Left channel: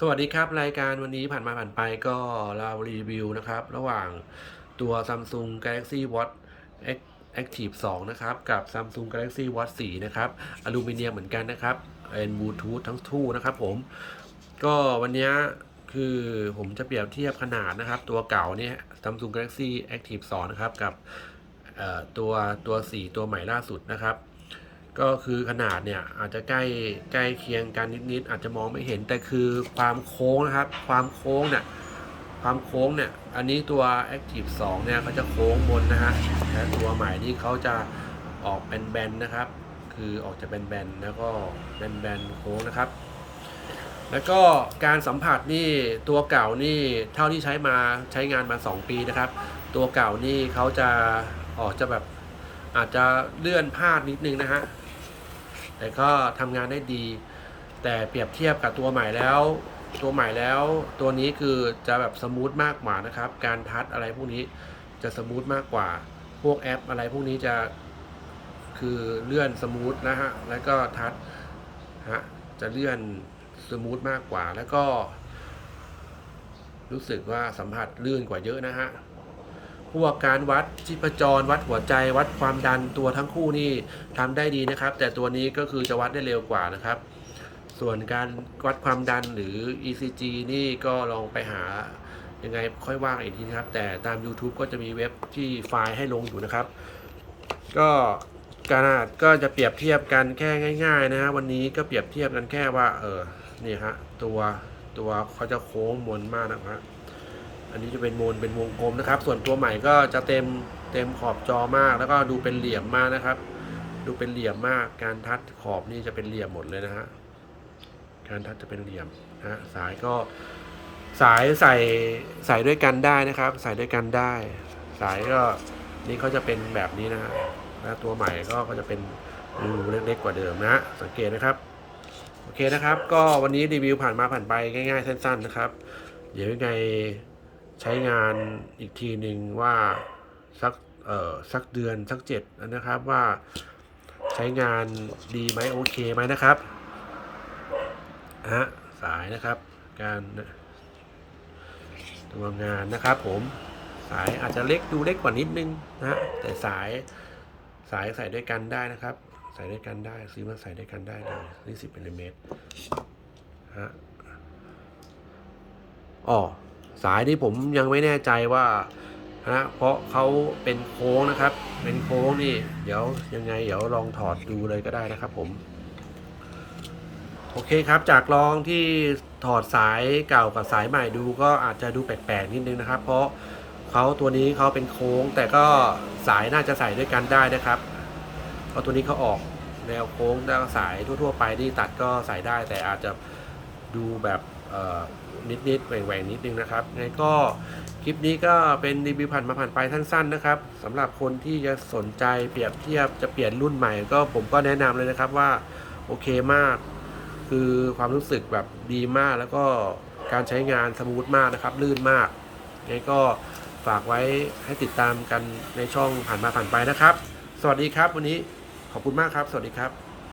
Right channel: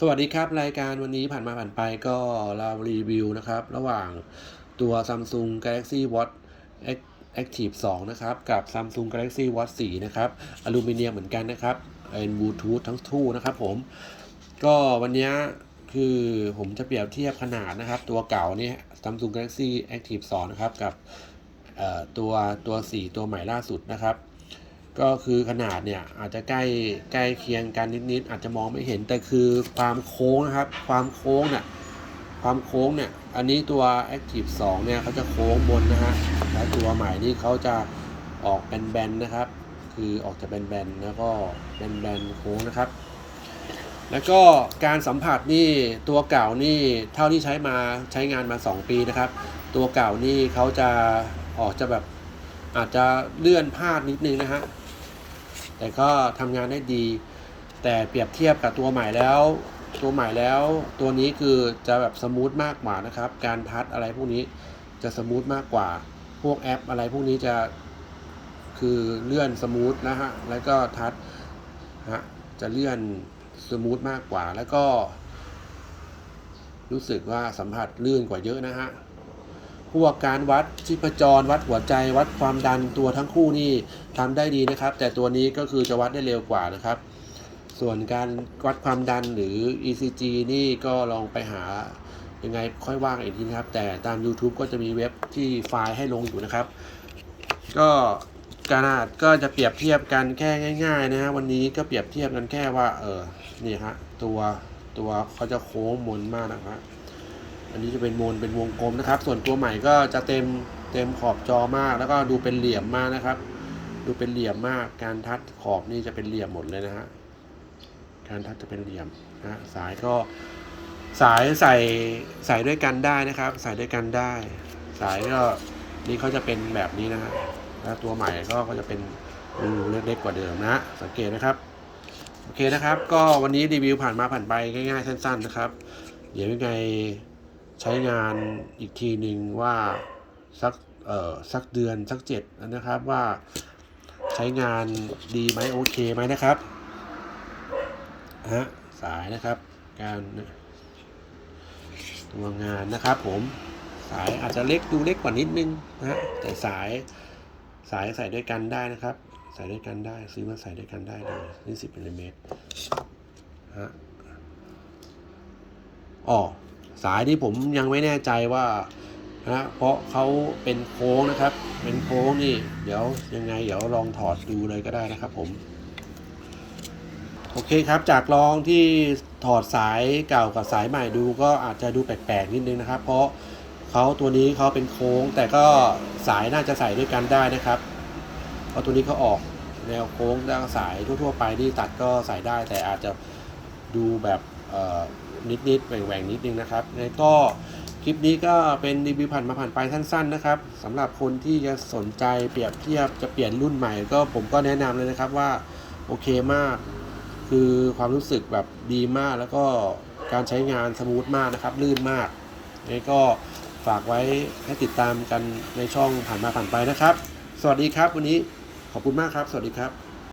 สวัสดีครับ รายการวันนี้ผ่านมาผ่านไปก็เรารีวิวนะครับ ระหว่างตัว Samsung Galaxy Watch Active 2 นะครับ กับ Samsung Galaxy Watch 4 นะครับอลูมิเนียมเหมือนกันนะครับเป็นบลูทูธทั้งคู่นะครับผม ก็วันนี้คือผมจะเปรียบเทียบขนาดนะครับ ตัวเก่าเนี่ย Samsung Galaxy Active 2 นะครับ กับเอ่อตัวตัว 4 ตัวใหม่ล่าสุดนะครับ ก็คือขนาดเนี่ยอาจจะใกล้ใกล้เคียงกันนิดๆอาจจะมองไม่เห็นแต่คือความโค้งนะครับ ความโค้งเนี่ยความโค้งเนี่ยอันนี้ตัว Active 2เนี่ยเขาจะโค้งบนนะฮะและตัวใหม่นี่เขาจะออกแบนๆนะครับ คือออกจะแบนๆแล้วก็แบนๆโค้งนะครับ แล้วก็การสัมผัสนี่ตัวเก่านี่เท่าที่ใช้มาใช้งานมา 2 ปีนะครับ ตัวเก่านี่เขาจะออกจะแบบอาจจะเลื่อนพลาดนิดนึงนะฮะ แต่ก็ทำงานได้ดี แต่เปรียบเทียบกับตัวใหม่แล้ว ตัวใหม่แล้วตัวนี้คือจะแบบสมูทมากกว่านะครับ การทัชอะไรพวกนี้จะสมูทมากกว่า พวกแอปอะไรพวกนี้จะคือเลื่อนสมูทนะฮะ แล้วก็ทัชฮะจะเลื่อนสมูทมากกว่า แล้วก็ รู้สึกว่าสัมผัสลื่นกว่าเยอะนะฮะ พวกการวัดชีพจร วัดหัวใจ วัดความดันตัวทั้งคู่นี่ทำได้ดีนะครับ แต่ตัวนี้ก็คือจะวัดได้เร็วกว่านะครับ ส่วนการวัดความดันหรือ ECG นี่ก็ลองไปหายังไงค่อยว่ากันอีกทีนะครับ แต่ตาม YouTube ก็จะมีเว็บที่ไฟล์ให้ลงอยู่นะครับ ก็ขนาดก็จะเปรียบเทียบกันแค่ง่าย ๆ นะฮะวันนี้ก็เปรียบเทียบกันแค่ว่า เออนี่ฮะตัวตัวเขาจะโค้งมนมากนะครับ อันนี้จะเป็นโมนเป็นวงกลมนะครับ ส่วนตัวใหม่ก็จะเต็มเต็มขอบจอมาก แล้วก็ดูเป็นเหลี่ยมมากนะครับ ดูเป็นเหลี่ยมมาก การทัดขอบนี่จะเป็นเหลี่ยมหมดเลยนะฮะการทัดจะเป็นเหลี่ยมนะฮะสายก็สายใส่ใส่ด้วยกันได้นะครับ ใส่ด้วยกันได้ สายก็นี่เขาจะเป็นแบบนี้นะฮะแล้วตัวใหม่ก็ก็จะเป็นรูเล็กๆกว่าเดิมนะฮะสังเกตนะครับโอเคนะครับ ก็วันนี้รีวิวผ่านมาผ่านไปง่ายๆสั้นๆนะครับ เดี๋ยวยังไง ใช้งานอีกทีหนึ่งว่าสักเอ่อสักเดือนสักเจ็ดนะครับว่าใช้งานดีไหมโอเคไหมนะครับฮะสายนะครับ การตัวงานนะครับผมสายอาจจะเล็กดูเล็กกว่านิดนึงนะฮะแต่สายสายใส่ด้วยกันได้นะครับ ใส่ด้วยกันได้ซื้อมาใส่ด้วยกันได้เลยนี่สิบมิลลิเมตรฮะอ๋อ สายที่ผมยังไม่แน่ใจว่าฮะเพราะเขาเป็นโค้งนะครับ เป็นโค้งนี่ เดี๋ยวยังไง เดี๋ยวลองถอดดูเลยก็ได้นะครับผม โอเคครับ จากลองที่ถอดสายเก่ากับสายใหม่ดูก็อาจจะดูแปลกๆนิดนึงนะครับ เพราะเขาตัวนี้เขาเป็นโค้ง แต่ก็สายน่าจะใส่ด้วยกันได้นะครับ เพราะตัวนี้เขาออกแนวโค้งด้านสายทั่ว ๆ ไปที่ตัดก็ใส่ได้ แต่อาจจะดูแบบ นิดๆแหว่งๆนิดนึงนะครับไงก็คลิปนี้ก็เป็นรีวิวผ่านมาผ่านไปสั้นๆนะครับสำหรับคนที่จะสนใจเปรียบเทียบจะเปลี่ยนรุ่นใหม่ ก็ผมก็แนะนำเลยนะครับว่าโอเคมาก คือความรู้สึกแบบดีมาก แล้วก็การใช้งานสมูทมากนะครับ ลื่นมากไงก็ฝากไว้ให้ติดตามกันในช่องผ่านมาผ่านไปนะครับ สวัสดีครับ วันนี้ขอบคุณมากครับ สวัสดีครับ